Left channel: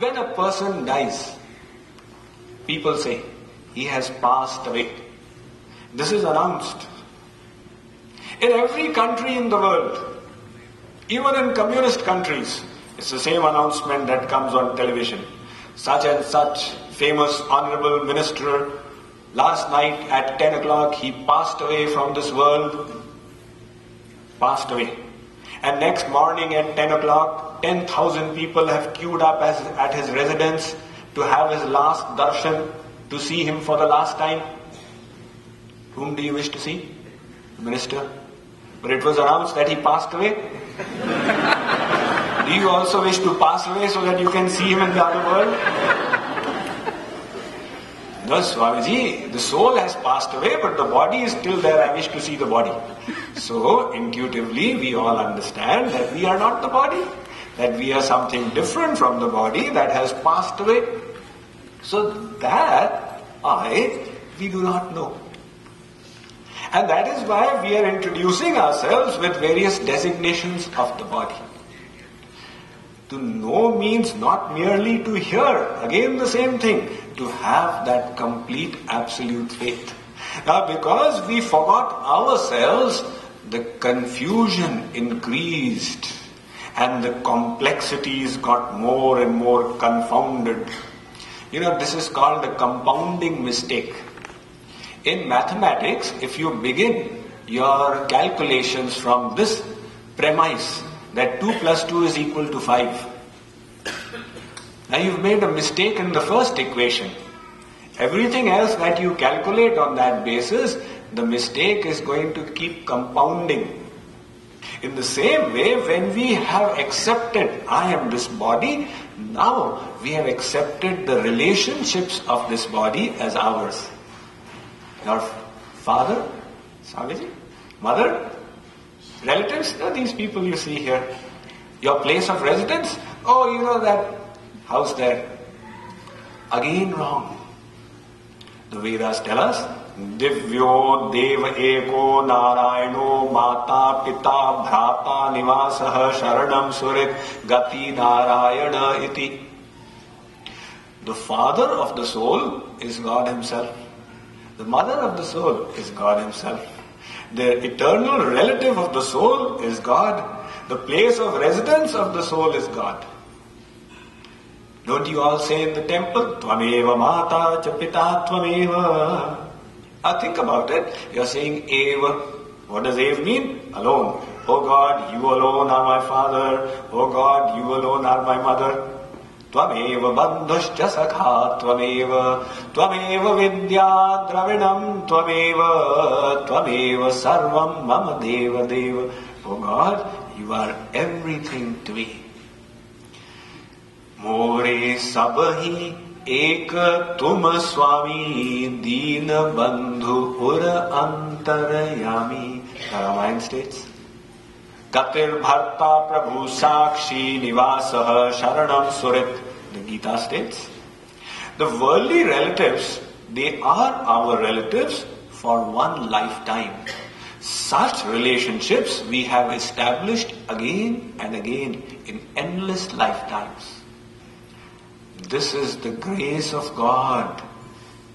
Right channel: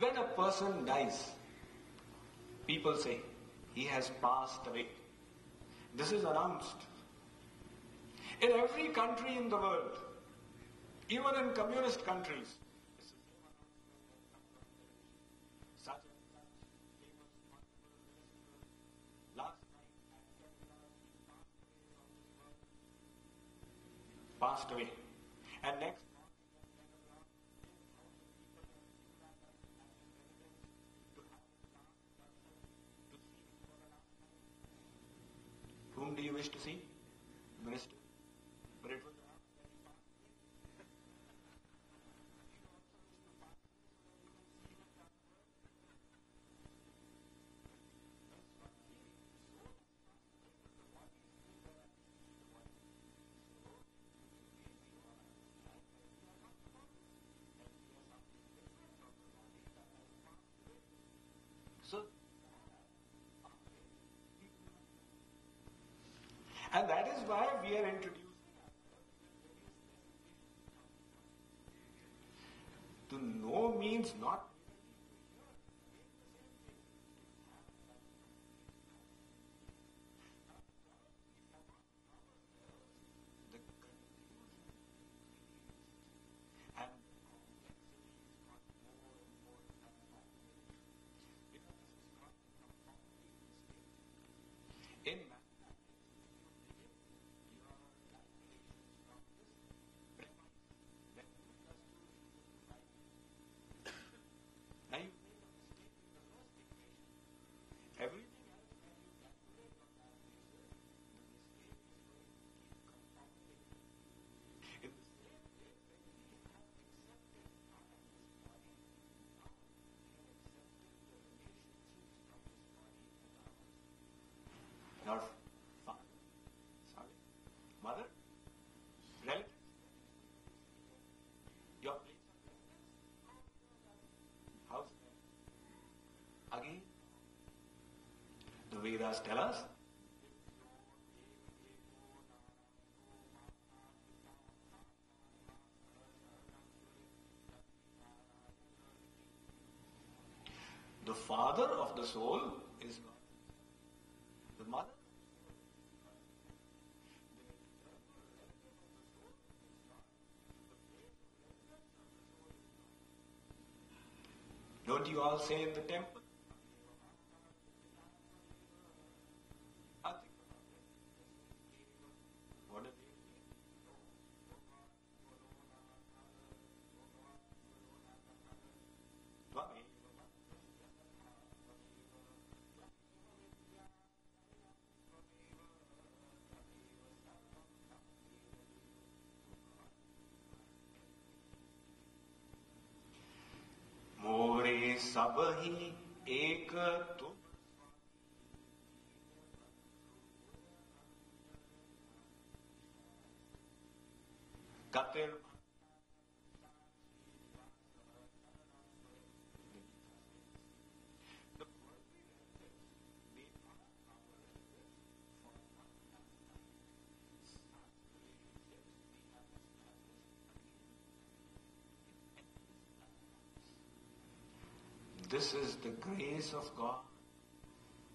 When a person dies, people say, he has passed away. This is announced. In every country in the world, even in communist countries, it's the same announcement that comes on television. Such and such famous honorable minister, last night at 10 o'clock, he passed away from this world. Passed away. And next morning at 10 o'clock, 10,000 people have queued up at his residence to have his last darshan, to see him for the last time. Whom do you wish to see? The minister. But it was announced that he passed away. Do you also wish to pass away so that you can see him in the other world? No, Swamiji, the soul has passed away, but the body is still there. I wish to see the body. So, intuitively, we all understand that we are not the body, that we are something different from the body that has passed away. So, that we do not know. And that is why we are introducing ourselves with various designations of the body. To know means not merely to hear, again the same thing, to have that complete absolute faith. Now because we forgot ourselves, the confusion increased and the complexities got more and more confounded. This is called a compounding mistake. In mathematics, if you begin your calculations from this premise, that 2 plus 2 is equal to 5. Now you've made a mistake in the first equation. Everything else that you calculate on that basis, the mistake is going to keep compounding. In the same way, when we have accepted, I am this body, now we have accepted the relationships of this body as ours. Your father, Swamiji, mother, relatives, these people you see here. Your place of residence, that house there. Again wrong. The Vedas tell us, Divyo Deva Eko Narayano Mata Pita Bhrata Nivasaha Sharanam Surit Gati Narayana Iti. The father of the soul is God Himself. The mother of the soul is God Himself. The eternal relative of the soul is God. The place of residence of the soul is God. Don't you all say in the temple, Tvameva Mata cha Pita Tvameva? Think about it. You're saying Eva. What does Eva mean? Alone. Oh God, you alone are my father. Oh God, you alone are my mother. Tvameva bandhuscha sakha tvameva, tvameva vidya dravinam tvameva, tvameva sarvam mama deva deva. Oh God, you are everything to me. More sabhi ek tum swami deen bandhu pura antarayami. Ramayana states. Gatir bharta prabhu sakshi nivasah sharanam surit. The Gita states. The worldly relatives, they are our relatives for one lifetime. Such relationships we have established again and again in endless lifetimes. This is the grace of God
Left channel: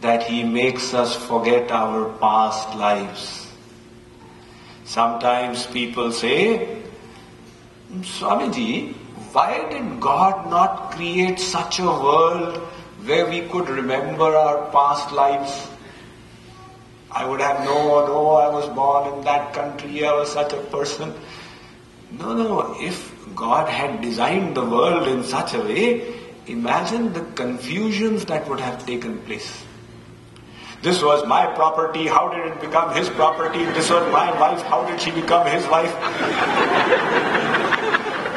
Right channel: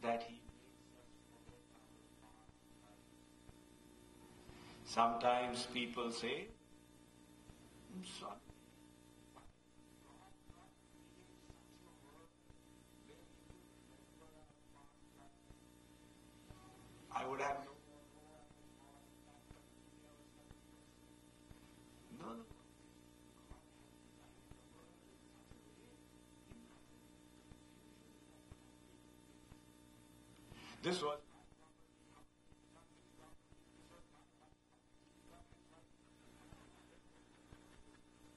that He makes us forget our past lives. Sometimes people say, Swamiji, why did God not create such a world where we could remember our past lives? I would have known, I was born in that country, I was such a person. No, if God had designed the world in such a way, imagine the confusions that would have taken place. This was my property, how did it become his property? This was my wife, how did she become his wife?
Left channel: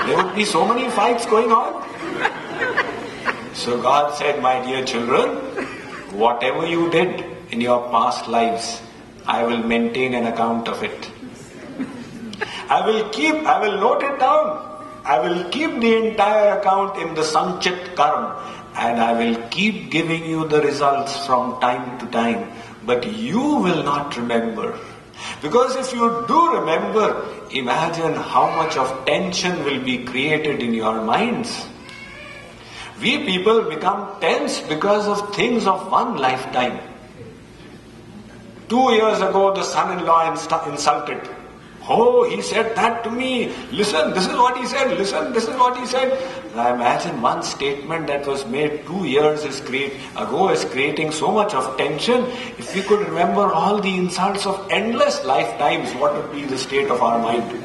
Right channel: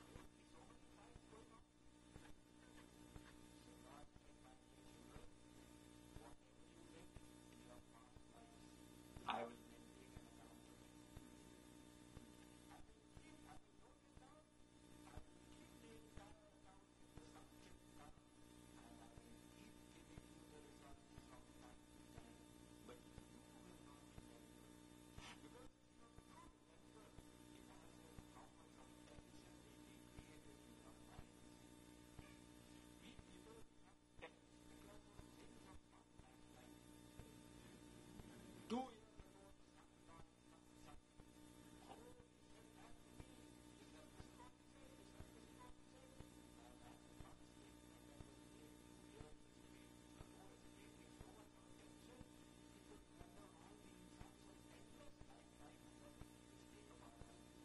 There would be so many fights going on. So God said, my dear children, whatever you did in your past lives, I will maintain an account of it. I will note it down. I will keep the entire account in the Sanchit Karma. And I will keep giving you the results from time to time. But you will not remember. Because if you do remember, imagine how much of tension will be created in your minds. We people become tense because of things of one lifetime. 2 years ago, the son-in-law insulted. Oh, he said that to me. Listen, this is what he said. Listen, this is what he said. I imagine one statement that was made 2 years ago is creating so much of tension. If we could remember all the insults of endless lifetimes, what would be the state of our mind?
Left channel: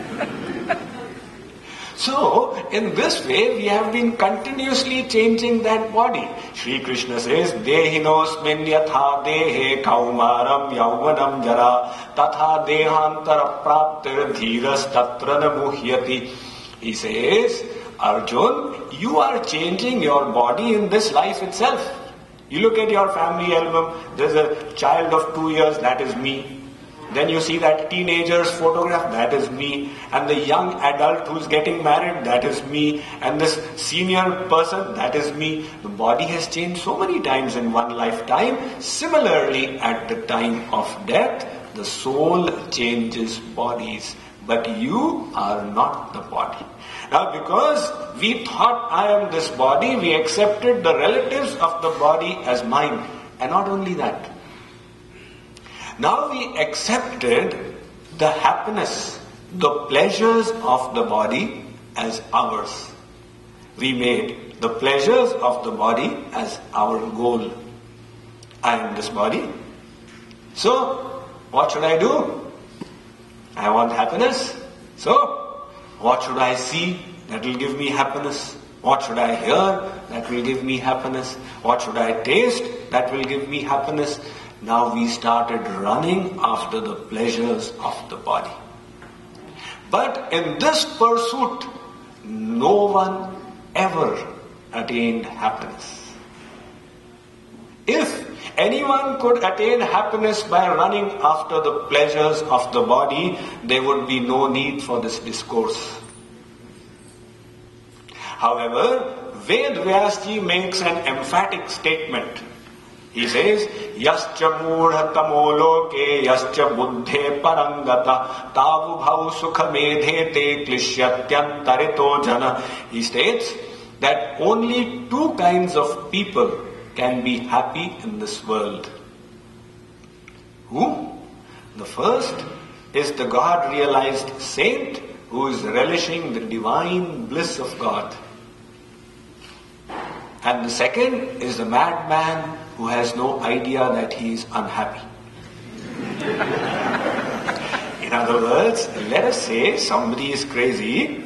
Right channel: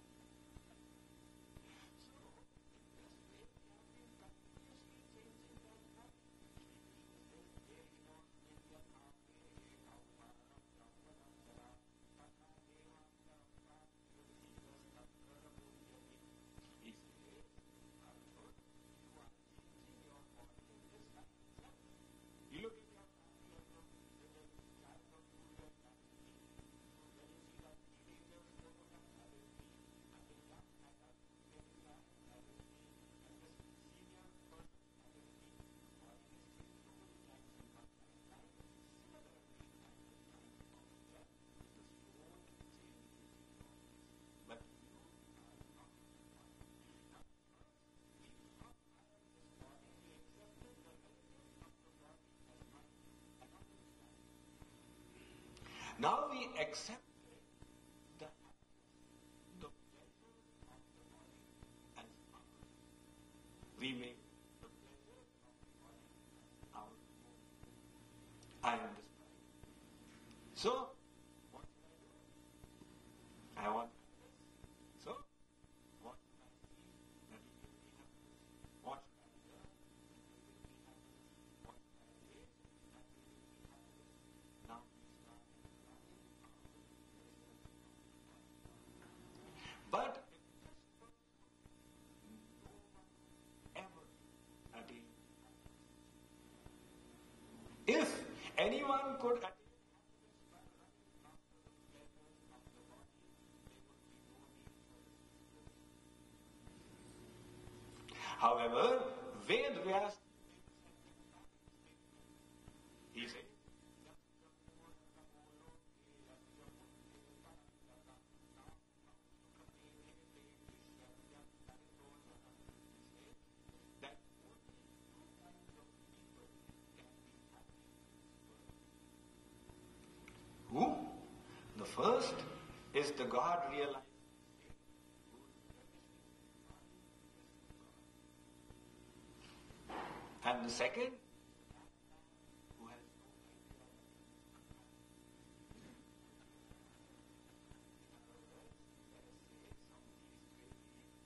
So, in this way, we have been continuously changing that body. Shri Krishna says, Dehinosmin yatha dehe kaumaram yauvanam jara tatha dehantara praptir dhiras tatra namuhyati. He says, Arjun, you are changing your body in this life itself. You look at your family album, there's a child of 2 years, that is me. Then you see that teenager's photograph, that is me. And the young adult who's getting married, that is me. And this senior person, that is me. The body has changed so many times in one lifetime. Similarly, at the time of death, the soul changes bodies. But you are not the body. Now, because we thought I am this body, we accepted the relatives of the body as mine. And not only that. Now we accepted the happiness, the pleasures of the body as ours. We made the pleasures of the body as our goal. I am this body. So, what should I do? I want happiness. So, what should I see that will give me happiness? What should I hear that will give me happiness? What should I taste that will give me happiness? Now we started running after the pleasures of the body. But in this pursuit, no one ever attained happiness. If anyone could attain happiness by running after the pleasures of the body, there would be no need for this discourse. However, Ved Vyasji makes an emphatic statement. He says, Yascha mudha tamoloke yascha buddhe parangata tavubhau sukha medhete klishyatyantarito jana. He states that only two kinds of people can be happy in this world. Who? The first is the God-realized saint who is relishing the divine bliss of God. And the second is the madman who has no idea that he is unhappy. In other words, let us say somebody is crazy.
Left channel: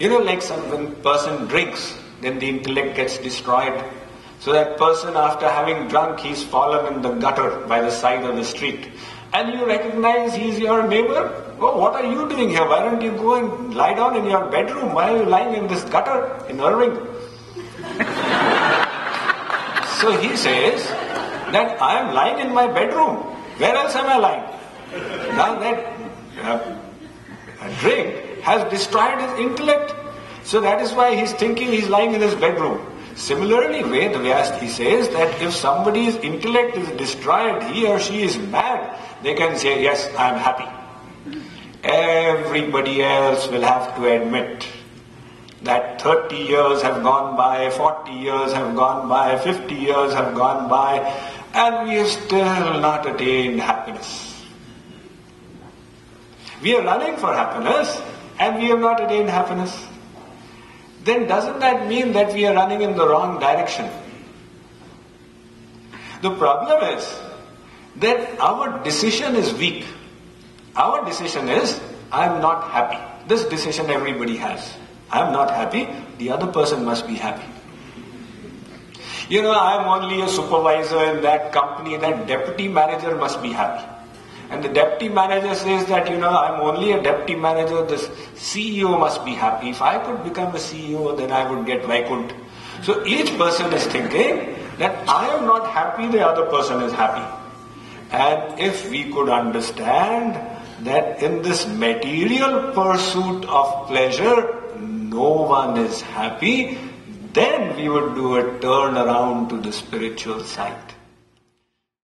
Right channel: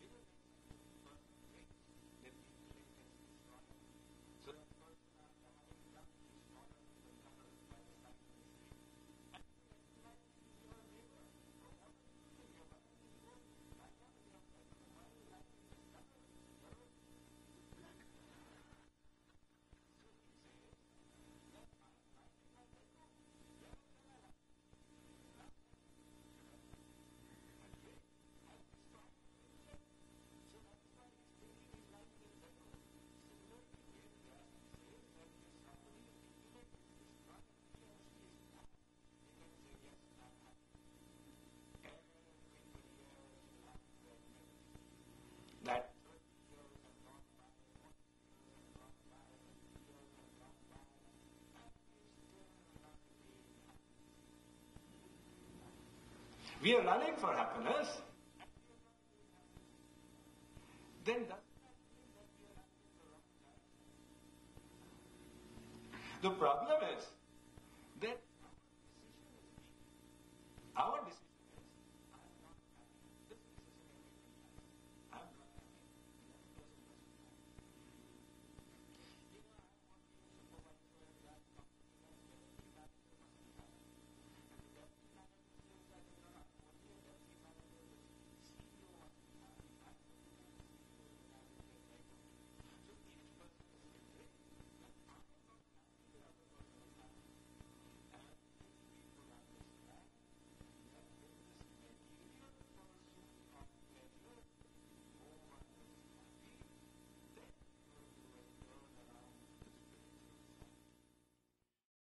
Like when a person drinks, then the intellect gets destroyed. So that person, after having drunk, he's fallen in the gutter by the side of the street. And you recognize he's your neighbor. Oh, what are you doing here? Why don't you go and lie down in your bedroom? Why are you lying in this gutter in Irving? So he says that I am lying in my bedroom. Where else am I lying? Now that drink has destroyed his intellect. So that is why he's thinking he's lying in his bedroom. Similarly, Ved Vyasji says that if somebody's intellect is destroyed, he or she is mad, they can say, yes, I am happy. Everybody else will have to admit that 30 years have gone by, 40 years have gone by, 50 years have gone by, and we have still not attained happiness. We are running for happiness, and we have not attained happiness. Then doesn't that mean that we are running in the wrong direction? The problem is that our decision is weak. Our decision is, I am not happy. This decision everybody has. I am not happy, the other person must be happy. I am only a supervisor in that company, that deputy manager must be happy. And the deputy manager says that, I am only a deputy manager, the CEO must be happy. If I could become a CEO, then I would get Vaikunt. So each person is thinking that I am not happy, the other person is happy. And if we could understand that in this material pursuit of pleasure, no one is happy, then we would do a turn around to the spiritual side.